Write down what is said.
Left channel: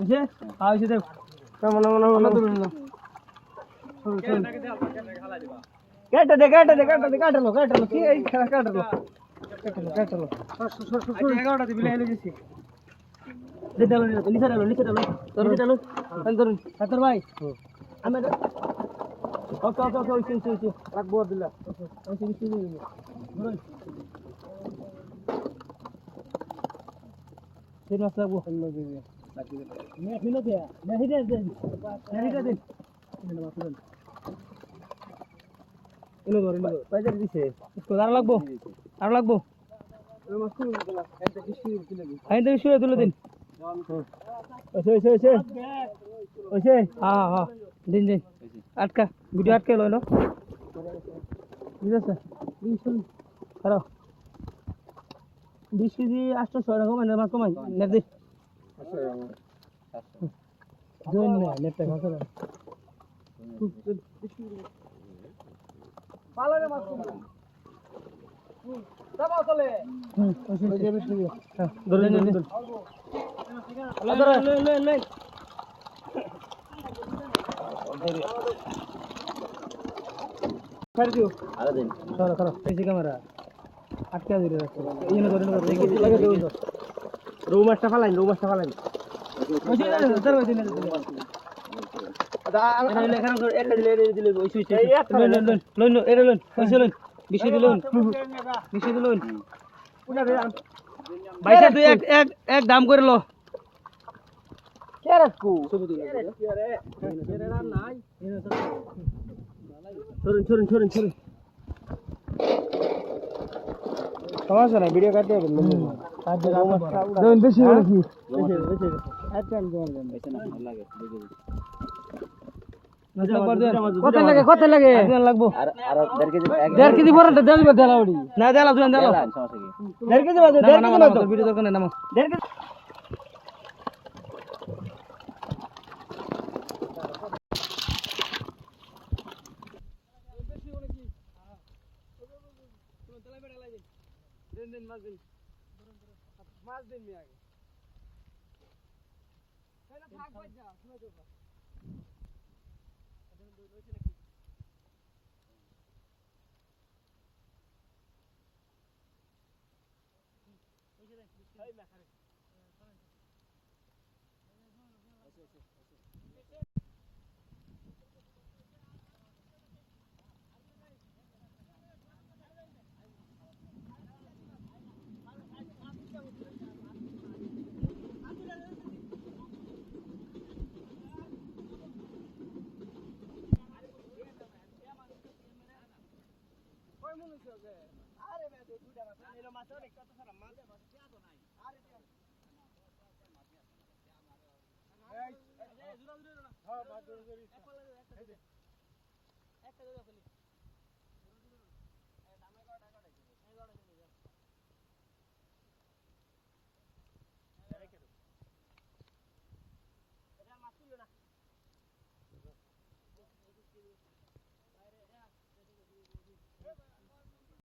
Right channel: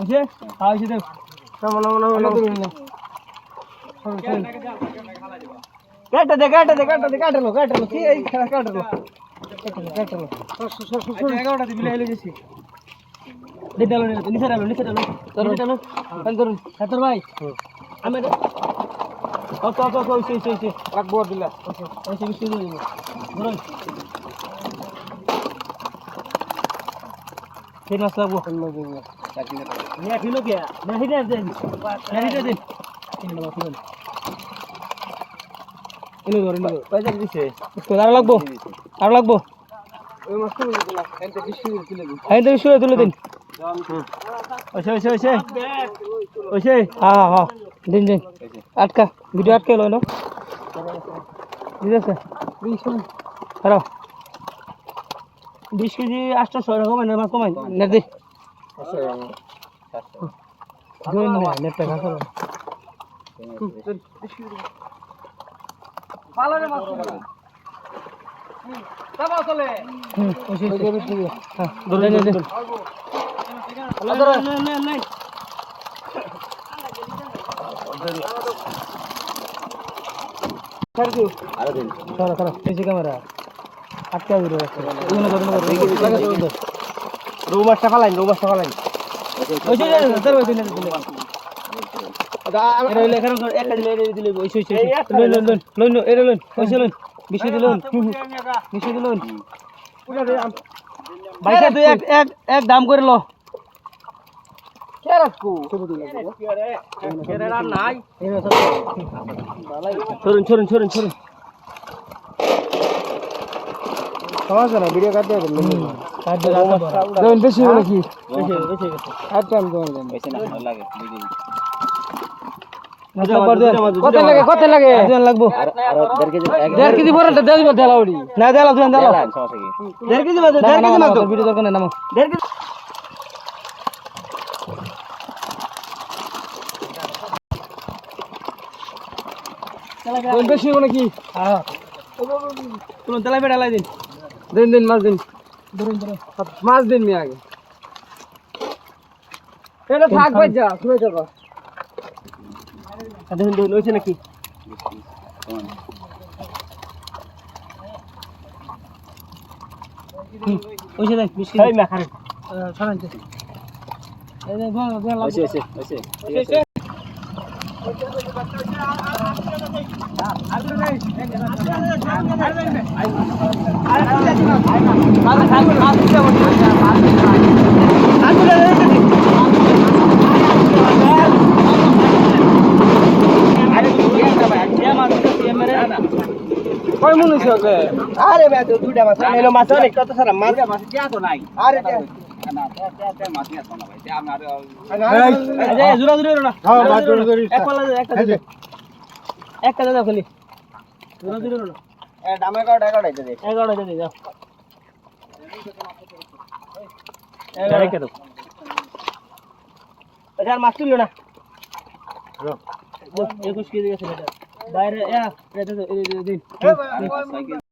ওকে আইছে দেখ কেমন কাটলো কি এই কাটলো এগারোটা দিবি এলে গেছি দিদালো নিচে ডালো ধরুন তোর ভাই আমি ওকে রাখবো দিলা ওকে মিষ্টি দিয়ে দেবো ধরুন ঠিক আছে লাগবো নিয়ে কিলো কে নেহি দেন ইনো পয়সা দিছে আর লাগবো ওই মাছটা দিলা এইটা বিশ তুলে দিন ওইসে হ্যাঁ দিন আটকা ভিডিও আটকে লয় না ঠিক আছে 20 কেজি 800 এরকম মাছ কমাই নেট দে নেটটা ঘাসা পালারে মাছ দাও চলে ক্যামেরা আটকা রৌ মাছটা ফালাইন বিষয় দিলেন এক দাম করে লো ছড়ুন সমস্যা না ভিডিও কাটতে হবে বেশি হলো কি আচ্ছা আমি তোমার কত লাগে লাগবো 1.5 কেজি পরে দেলাউড়ি না দেলা তুমি দেলা 1.5 কেজি মাছ 1.5 কেজি মাছ ভিডিও দরকার নাই নামো 1.5 কেজি বেশি হলো কি হ্যাঁ তুমি তেলা বেড়া লাই দিন মাছ দিন ধরুন মাছ দিন মি আগে এটা থাক ভাই যা শুনে যাবো দেখুন লইছে নাকি ওইছে দেখ মিষ্টি এই মাখারে ছাড়াইছে এই দেখ ওইছে কয় মন হইছে ওকে আরে বে দুইটা মাছ এলো মাছ অনেক কত সারা মাছ যা তো নাই আরে না তে মাছ নিয়া তো না ভাই তে আমরা এই জুরা না হ্যাঁ মাছ জুরা এক পালা একটা দাও খালি জুরা না এ দামে কত টাকা দিতে দে 11 দে যাও রেখে দাও আচ্ছা মাছ তুলো না 21 কেজি আছে বাইরে দিন